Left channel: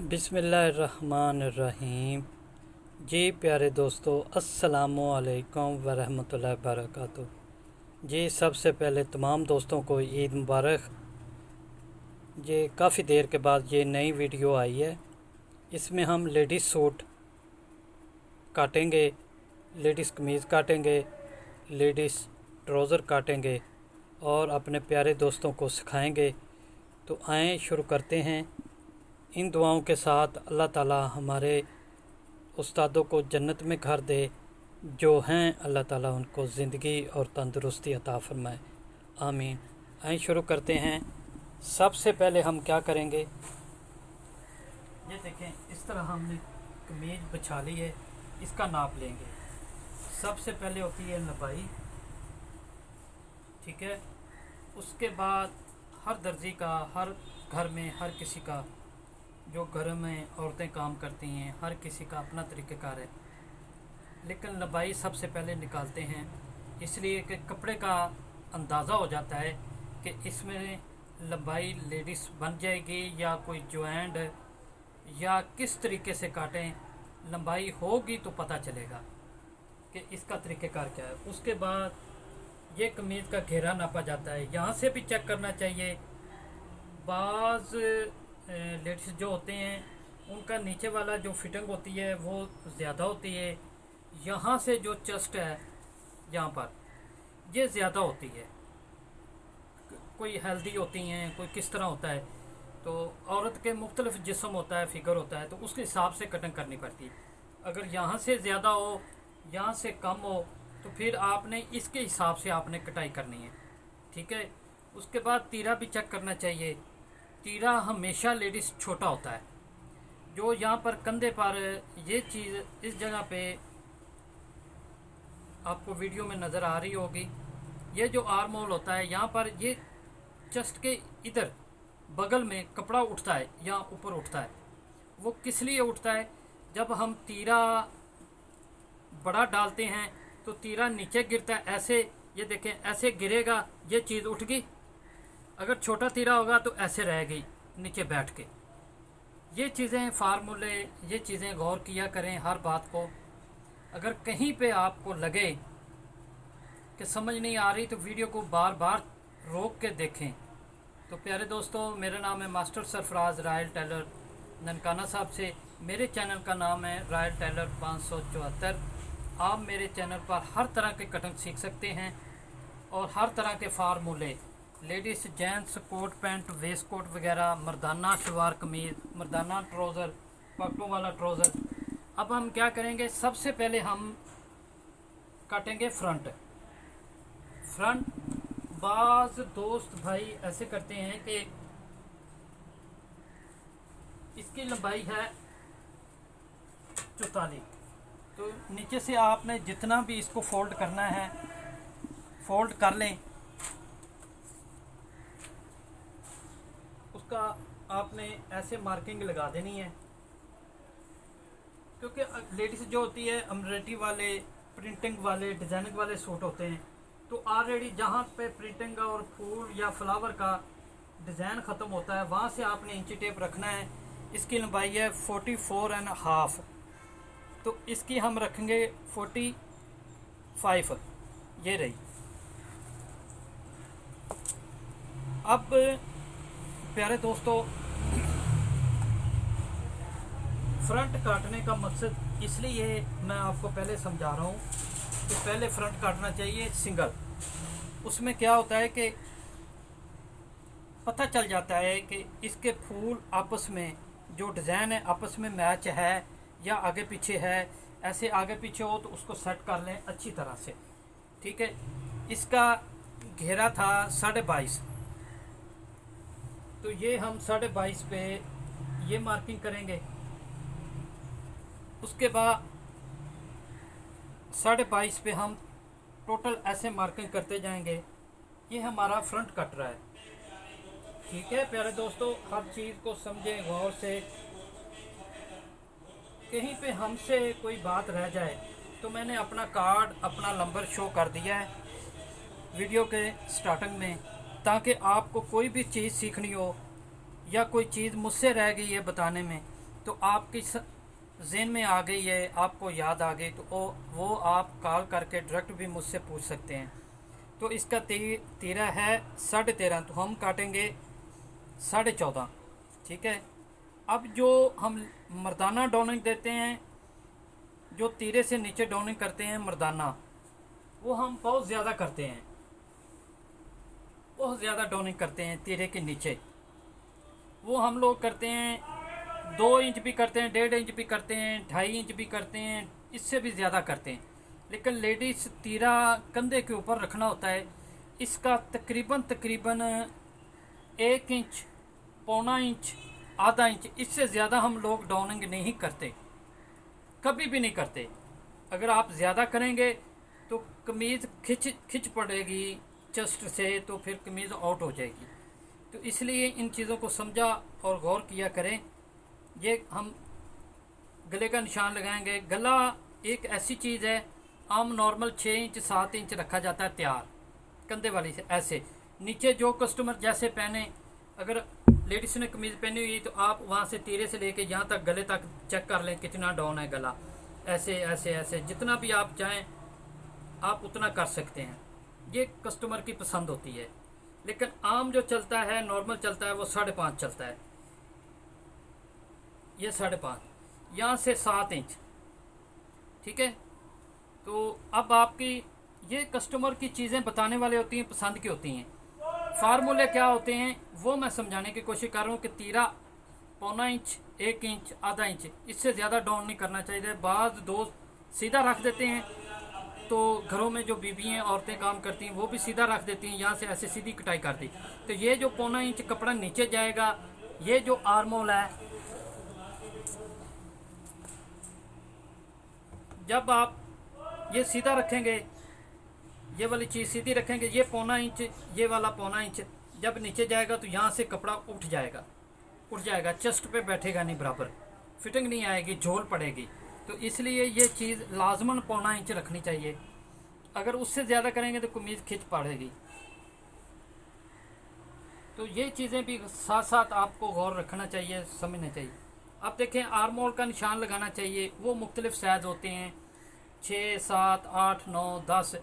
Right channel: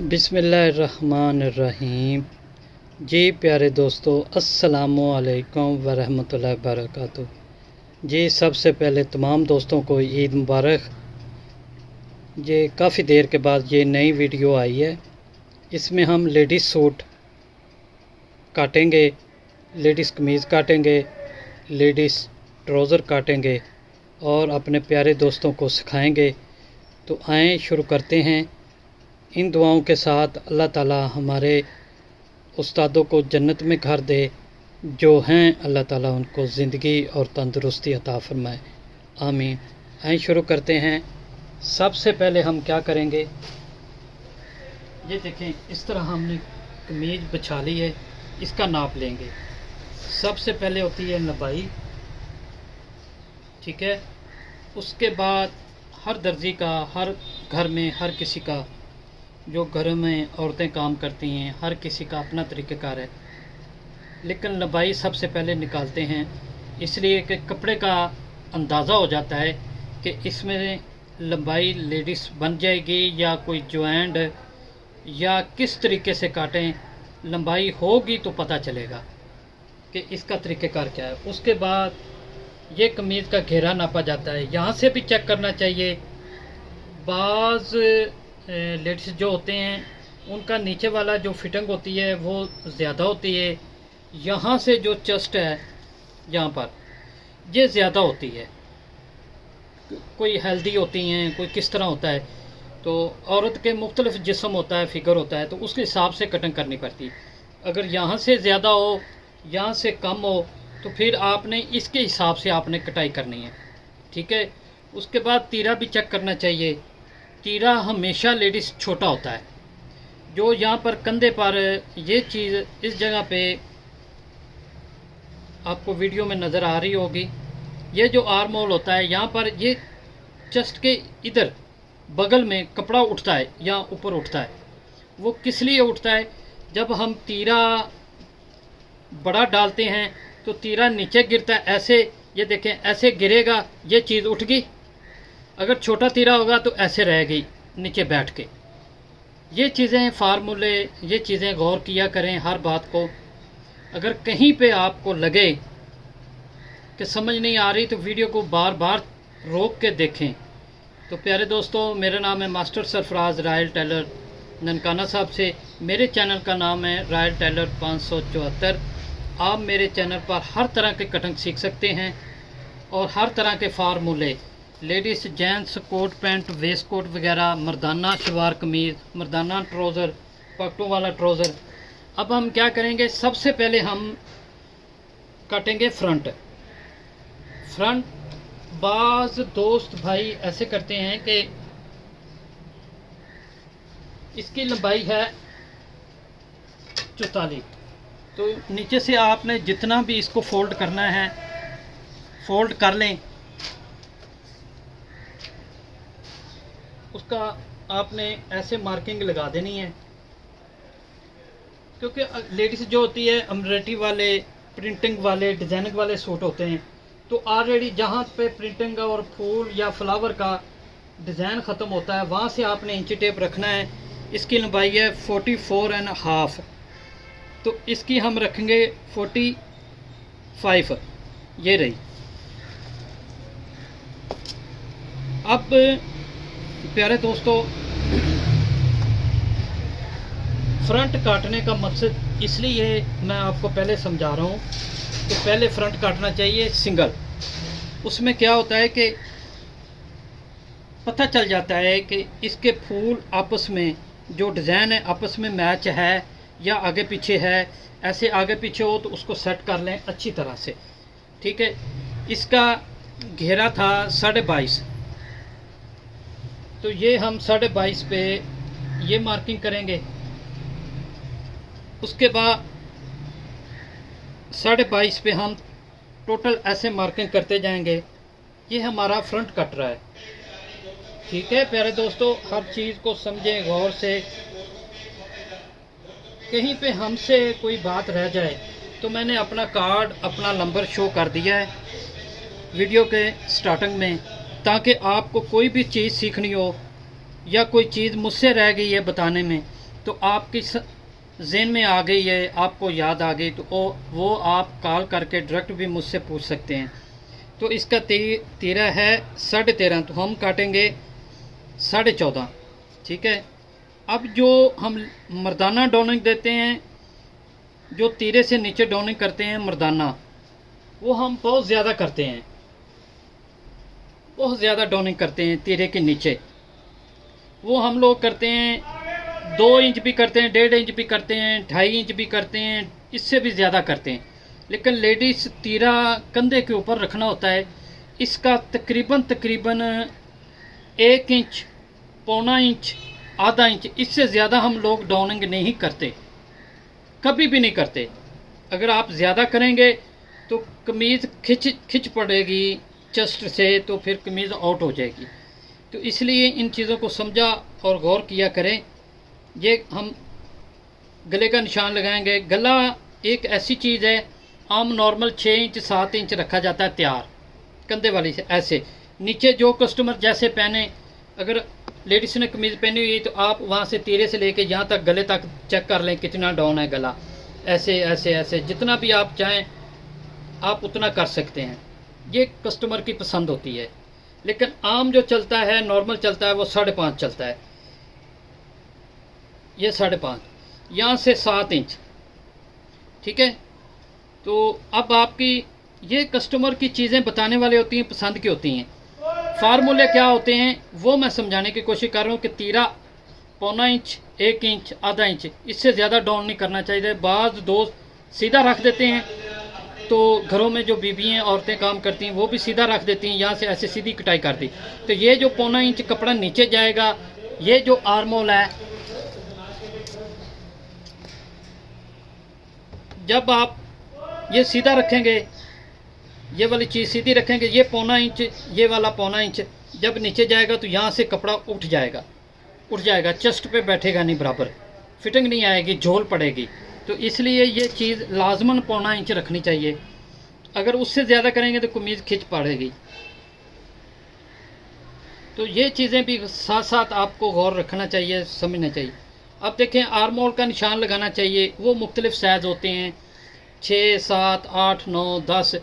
बिस्मिल्लाहिर्रहमानिर्रहीम। जी प्यारे दोस्तों, अस्सलामुअलैकुम वरहमतुल्लाहि वबरकातुहू। जी सबसे पहले तमाम दोस्तों को ईद मुबारक। ये काफ़ी देर के बाद ये नई वीडियो आई है। इसमें हम लेडीज़ सूट काटेंगे, लेडीज़ कमीज़ काटेंगे, लेडीज़ ट्राउज़र काटेंगे और अपने प्यारे दोस्तों को सिखाएंगे। तो आएँ शुरू करते हैं। इन दुआओं के साथ अल्लाह ताला हमारे उस्तादों को जन्नत में घर दे, जो हैं अल्लाह ताला उनको ज़िंदगी और तंदुरुस्ती अता फरमाए, आमीन। आइए शुरू करते हैं। सबसे पहले हम क्या करेंगे, ये देखें इस तरह हमने कमीज बिछा ली है, इसका नाप लेंगे। सबसे पहले होती है लंबाई, ठीक है। उसके बाद हर दर्जी का, हर घर में हर किसी का, जो घर में औरतें काम करती हैं, हर किसी का अपना तरीक़ेकार है, लेकिन लंबाई सबसे पहले निकालते हैं इसलिए कि कपड़े का अंदाज़ा हो जाता है कि इसमें लंबाई लेडीज़ बन जाएगी या कोई ज्वाइंट या किस तरीके से काटें। लंबाई होगी तो पता चलेगा कि इसका तरीक़ेकार क्या है। उसके बाद ये कमीज़ का घेरा नापा जाता है, यहाँ से भी चेक करना चाहिए। बाज़ लेडीज़ जो होते हैं उनका नीचे वाला जो फिटिंग होती है वो ज़्यादा होती है, यहाँ से जो चेस्ट है यहाँ पर ये ज़्यादा होती है। कोई हेल्दी होती हैं, कोई किस तरह होता है, तो औरत के मुख्तलिफ जिस्म होता है, फ़िगर होता है, तो उसके हिसाब से कटिंग करनी पड़ती है। अगर यहाँ से ज़्यादा हो, यहाँ से कम हो, तो फिर आपने इसके हिसाब से आपने कटाई करनी है, ठीक है। उसके बाद तीरा भी चेक करना चाहिए। तीरा हमेशा लेडीज़ छोटा होता है। जो यहाँ पर कंधे पर ये चीज़ इस जगह पे आपको वीडियो में नज़र आ रही होगी, ये जो आर्म होल होता है, यहाँ पर ये चेस्ट के इधर बगल में कपड़ा उठता है या ऊपर उठता है। वो किस लिए उठता है, जब हम तीरा बड़ा डालते हैं तो तीरा नीचे गिरता है, ऐसे ये देखें ऐसे गिरेगा, ये चीज़ उठ गई। अगर छोटा तीरा होगा तो ऐसे रहेगी नीचे बैठ के। ये चीज़ें फार्मूले, ये चीज़ें गौर किया करें हर बात को। अगर कहीं पे आपको लगे कि समझ नहीं आ रही तो वीडियो को बार बार रोक के देखें। तो प्यारे दोस्तों, मेरा नाम है master Sarfaraz royal tailor Nankana Sahib से। मेरे चैनल का नाम है रायल टेलर 574। आप मेरे चैनल पर हर तरह के कटिंग सीख सकते हैं और हर तरह के फार्मूले, ladies gents coat pant waistcoat वगैरह, मर्दाना शलवार कमीज़, मर्दाना ट्राउज़र, पगटों वाला ट्राउज़र। अब हम क्या करेंगे, सबसे पहले हम काटेंगे फ्रंट। बाज़ दोस्त भाई ऐसे करते हैं कि इसकी लंबाई है 44, तो नीचे से आपने जितना भी इसको फोल्ड करना है फोल्ड कर लें। उसका आपने ऐसे मार्किंग लगा देनी है, क्योंकि लेडीज़ जो होती है एम्ब्रॉयडरी वाले, प्रिंटिंग वाले, डिज़ाइनिंग वाले सूट होते हैं, तो ऑलरेडी जहाँ पे प्रिंटिंग और फूल या फ्लावर का डिज़ाइन ख़त्म होता है वहाँ से आपने इंची टेप रखना है। इसकी लंबाई है 44.5, तो इसकी हम रखेंगे 45, ये रही। अब प्यारे दोस्तों, फ्रंट काटने का मकसद इसलिए मैं आपको पहले समझा रहा हूँ कि पहले फ्रंट काटना चाहिए सिंगल। उसमें क्या होता है कि पता चल जाता है कि इसके फूल आपस में जो डिज़ाइन है आपस में मैच है या आगे पीछे है। ऐसे आगे पीछे हो तो उसको सेट कर लें अच्छी तरह से, ठीक है। इसका घेरा था 22.5, तो ये हम 22.5 पे ये मार्किंग करेंगे। उसके बाद 22.5 पे हम टोटल ऐसे मार्किंग करते जाएंगे। ये हमारा फ्रंट कट रहा है, ठीक है। प्यारे दोस्तों, हर चीज़ को समझें गौर से। कहीं पे हमसे कोई बात रह जाए तो मैंने अपना कार्ड, अपना नंबर शो कर दिया है वीडियो के स्टार्टिंग में, ताकि आपको कोई भी चीज़ सीखनी हो या कोई चीज़ मुझसे रह गई है बताने में तो आपकी ज़हन में आ गई है, आपको याद आ गई, तो वो आप कॉल करके डायरेक्ट भी मुझसे पूछ सकते हैं। तो इसका तीरा है 13.5, तो हम काटेंगे 14.5। ठीक है। अब जो हम मर्दाना डॉनिंग देते हैं, जो तीरे से नीचे डॉनिंग करते हैं मर्दाना, वो हम बहुत ज़्यादा करते हैं, बहुत ज़्यादा डॉनिंग करते हैं तीरे के नीचे। वो हम लोग करते हैं 2 इंच भी करते हैं, 1.5 इंच भी करते हैं, 2.5 इंच भी करते हैं, इससे भी ज़्यादा करते हैं। लेकिन लेडीज़ तीरा कंधे के ऊपर रखना होता है, इसका तकरीबन 1 इंच, पौना इंच, आधा इंच, इससे ज़्यादा हम लोग डॉनिंग नहीं करते, कभी भी नहीं करते। अगर आप ज़्यादा करेंगे तो कमीज़ खिंच पड़ेगी चेस्ट से, तो फिर कमीज़ आउट हो जाएगी। तो इसलिए इन चीज़ों को समझा और गौर किया करें। ये हम गले का निशान लगाएंगे। गला एक ऐसी चीज़ है, आम नॉर्मल 6 इंच 7 इंच रखा जाता है तैयार, कंधे वाली से ऐसे। नीचे जो कस्टमर जैसे पहने, अगर लेडीज़ ने कमीज़ पहनी हुई तो आप वहाँ से तीरे से लेके यहाँ तक गले तक चेक कर लें कितना डाउन है गला। ऐसे ऐसे ऐसे जितना भी आप चाहें आप उतना कर सकते हैं, ये कस्टमर की पसंद होती है। लेकिन आम जो चलता है, नॉर्मल चलता है, वो 5.5 चलता है। ये 5.5, यहाँ से 7 इंच। ठीक है। तो अब आपकी ये कस्टमर की चीज़ें बताने वाले होती हैं, पसंद की होती हैं। फार्मूले क्या होते हैं वो मैं समझाने की कोशिश कर रहा हूँ कि तीरा पौना इंच, 1 इंच, आधा इंच, इससे ज़्यादा डाउन नहीं करना चाहिए। बाज़ दोस्त सीधा रख देते हैं, तो घरों में जो बीबी हैं, औरतें काम करती हैं, वो भी सीधा रख देती हैं, यहाँ से ऐसे सीधी कटाई कर दी। तो ये जो पौना इंच कपड़ा नीचे जाएगा, ये जो आर्मोल है, जब आप ये सीधा रखेंगे, ये वाली चीज़ सीधी रखेंगे, ये पौना इंच, ये वाला पौना इंच जब नीचे जाएगा तो यहाँ से कपड़ा उठ जाएगा, चेस्ट पे बैठेगा नहीं, बराबर फिटिंग नहीं आएगी, झोल पड़ेगी। तो इसलिए ये चीज़ लाजमन पौना इंच रखनी चाहिए। अगर उससे ज़्यादा करेंगे तो कमीज़ खिंच पड़ेगी। तो ये चीज़ें भी साथ साथ आपको गौर रखना चाहिए, समझना चाहिए। अब देखें, आर्मोल का निशान लगाना चाहिए, वो मुख्तलिफ़ साइज़ होते हैं, 6, 7, 8, 9, 10।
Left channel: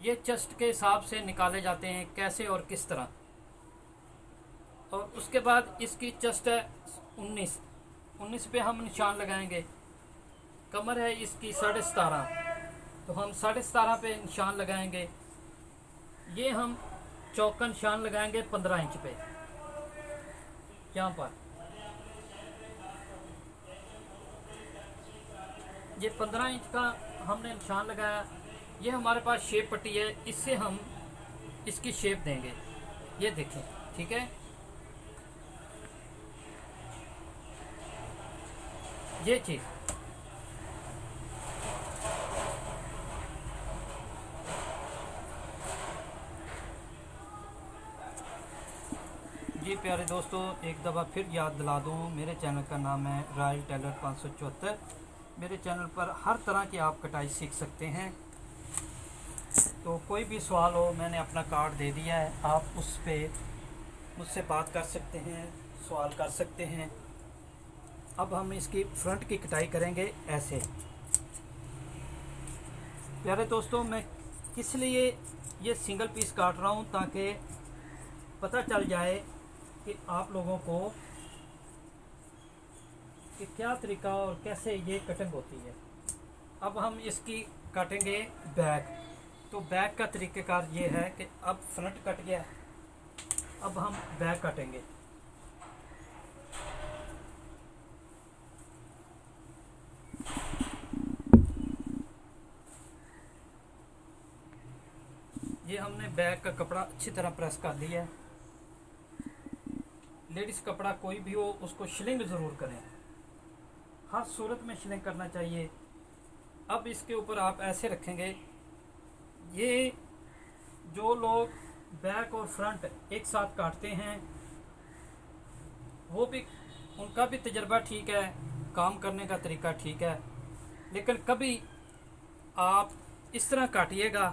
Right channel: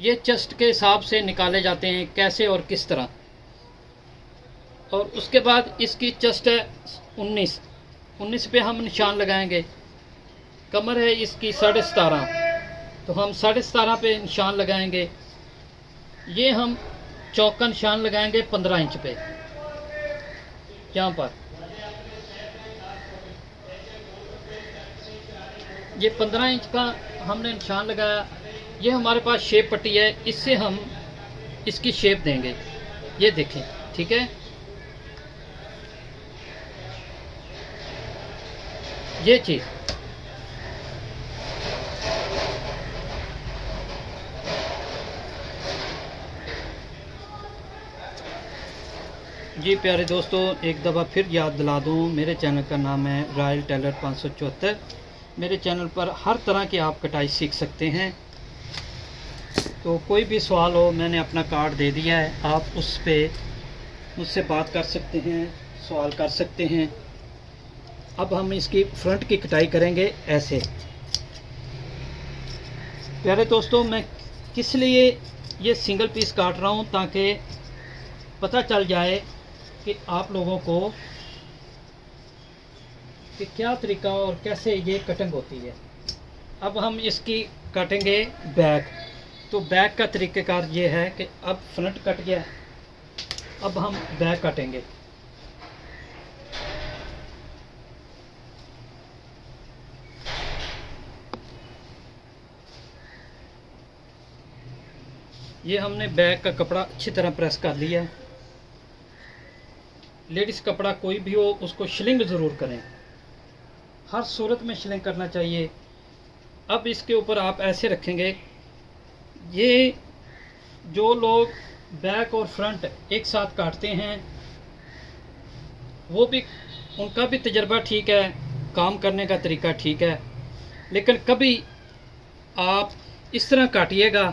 ये चेस्ट के हिसाब से निकाले जाते हैं, कैसे और किस तरह। और उसके बाद इसकी चेस्ट है 19 पे हम निशान लगाएंगे। कमर है इसकी 17.5, तो हम 17.5 पे निशान लगाएंगे। ये हम चौक का निशान लगाएंगे 15 इंच पे, यहाँ पर ये 15 इंच का हमने निशान लगाया। ये हमारे पास शेप पट्टी है, इससे हम इसकी शेप देंगे, ये देखें। ठीक है। ये चीज़ जी प्यारे दोस्तों, एक दफ़ा फिर याद दिला दूँ, मेरे चैनल का नाम है रॉयल टेलर 574। मेरे चैनल पर हर तरह की आप कटाई सीख सकते हैं। तो कोई भी सवाल हो, मैंने अपना कार्ड दे दिया है, आप उस पर मुझसे बात कर सकते हैं, सवाल कर सकते हैं। अब हम इसकी फ्रंट की कटाई करेंगे ऐसे। प्यारे दोस्तों, मैं किस लिए ये सिंगल पीस काट रहा हूँ, ताकि पता चल जाए कि आप लोगों को कि क्या तरीका और कैसे ये कटिंग होती है। अब हम इसकी काटेंगे बैक। तो बैक का तरीक़ेकार ये है कि अब फ्रंट कट गया, अब हम बैक काटेंगे। ये हमने बैक का कपड़ा अच्छी तरह प्रेस कर लिया है। लेडीज़ कपड़ा कोई भी हो, उसको शिलिंग ज़रूर करें, हर सूरत में शिलिंग करना चाहिए। अब इसके ऊपर आप ऐसे रखेंगे। ये जो लोग बैक और फ्रंट एक साथ काटते हैं, वो भी, उनका भी तजर्बा ठीक है, काम करने का तरीका ठीक है। लेकिन कभी आप इस तरह काटिएगा,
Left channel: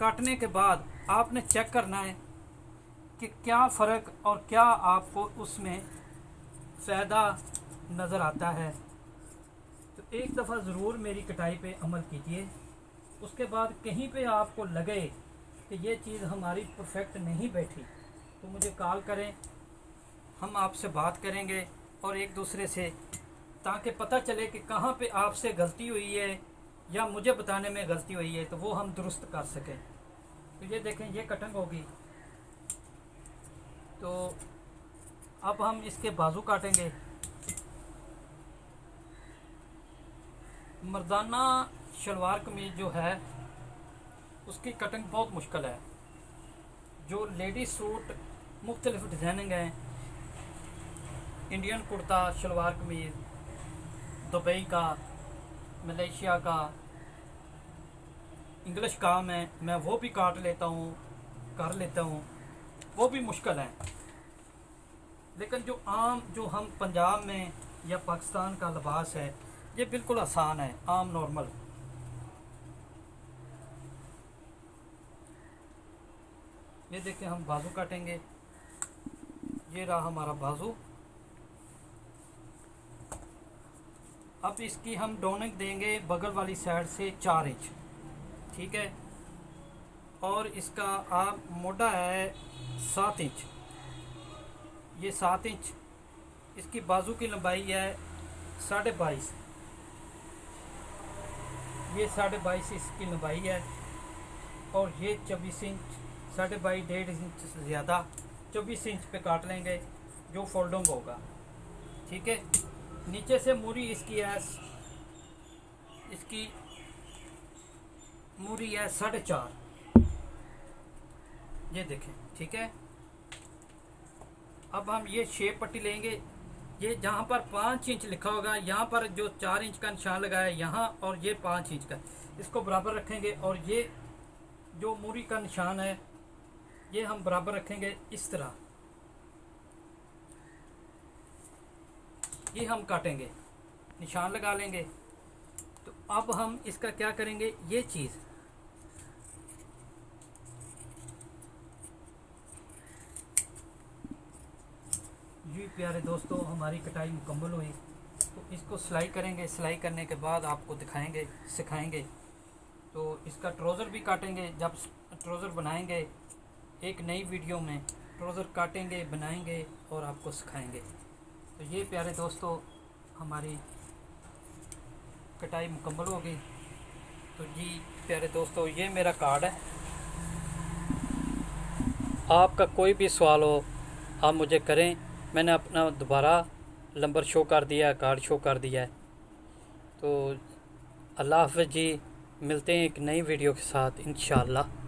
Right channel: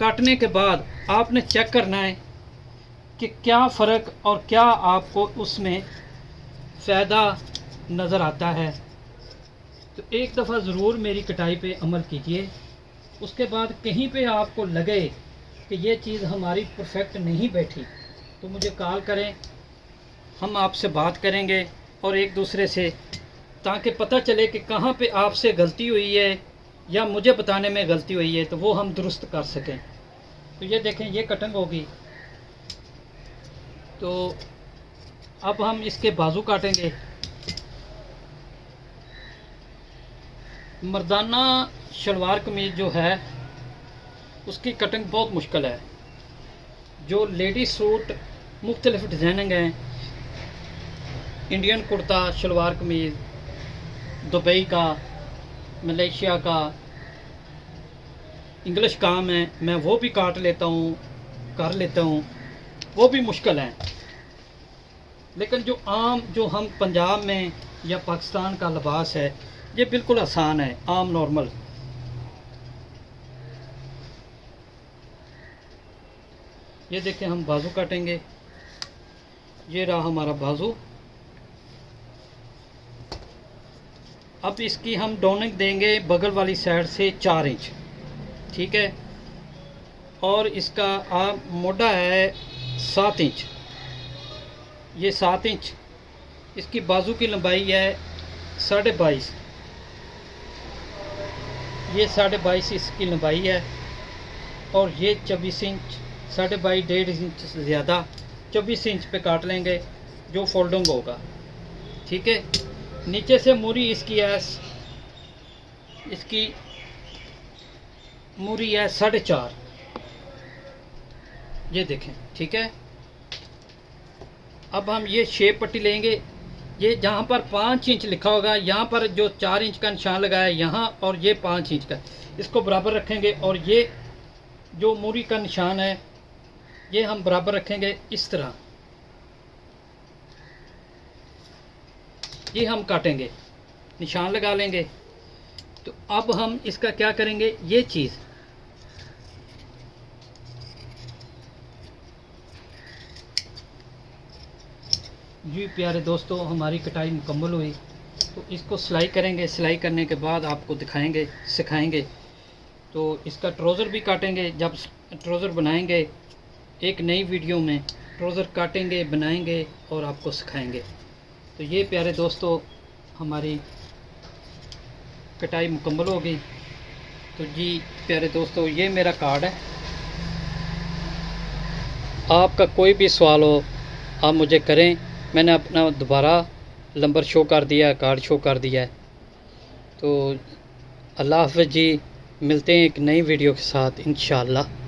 काटने के बाद आपने चेक करना है कि क्या फ़र्क और क्या आपको उसमें फ़ायदा नज़र आता है, तो एक दफ़ा ज़रूर मेरी कटाई पे अमल कीजिए। उसके बाद कहीं पे आपको लगे कि ये चीज़ हमारी परफेक्ट नहीं बैठी तो मुझे कॉल करें, हम आपसे बात करेंगे और एक दूसरे से, ताकि पता चले कि कहाँ पे आपसे गलती हुई है या मुझे बताने में गलती हुई है, तो वो हम दुरुस्त कर सकें। तो ये देखें, ये कटिंग होगी। तो अब हम इसके बाजू काटेंगे। मर्दाना शलवार कमीज़ जो है उसकी कटिंग बहुत मुश्किल है। जो लेडी सूट मुख्तलिफ डिज़ाइनिंग हैं, इंडियन कुर्ता, शलवार कमीज़, दुबई का, मलेशिया का, इंग्लिश काम है, मैं वो भी काट लेता हूँ, कर लेता हूँ, वो भी मुश्किल हैं। लेकिन जो आम, जो हम पंजाब में या पाकिस्तान का लिबास है, ये बिल्कुल आसान है, आम नॉर्मल। ये देखें, हम बाजू काटेंगे। ये रहा हमारा बाजू। अब इसकी हम डोनिंग देंगे बगल वाली साइड से 4 इंच, ठीक है। और इसका आप मोटा है 7 इंच, ये 7 इंच। इसकी बाजू की लंबाई है 22.5, ये 22.5 इसकी लंबाई है। और ये 24 इंच, 22.5, 1.5 इंच से ज़्यादा 24 इंच पे काट लेंगे, जो फोल्डिंग होगा, ठीक है। नीचे से मूरी इसकी है, इसकी मूरी है 4.5, ये देखें, ठीक है। अब हम ये शेप पट्टी लेंगे। ये जहाँ पर 5 इंच लिखा होगा, यहाँ पर जो 4 इंच का निशान लगा है यहाँ, और ये 5 इंच का, इसको बराबर रखेंगे। और ये जो मूरी का निशान है ये हम बराबर रखेंगे इस तरह। ये हम काटेंगे, निशान लगा लेंगे। तो अब हम इसका क्या करेंगे, ये चीज़ जी प्यारे दोस्तों, हमारी कटाई मुकम्मल हुई। तो इसको सिलाई करेंगे। सिलाई करने के बाद आपको दिखाएंगे, सिखाएंगे। तो इसका ट्राउज़र भी काटेंगे। जब ट्राउज़र बनाएंगे एक नई वीडियो में, ट्राउज़र काटेंगे, बनाएंगे और आपको सिखाएंगे। तो ये प्यारे दोस्तों, हमारी कटाई मुकम्मल हो गई। तो जी प्यारे दोस्तों, ये मेरा कार्ड है। आपका कोई भी सवाल हो आप मुझे करें। मैंने अपना दोबारा नंबर शो कर दिया है, कार्ड शो कर दिया है। तो अल्लाह हाफ़िज़ जी, मिलते हैं एक नई वीडियो के साथ इंशाअल्लाह।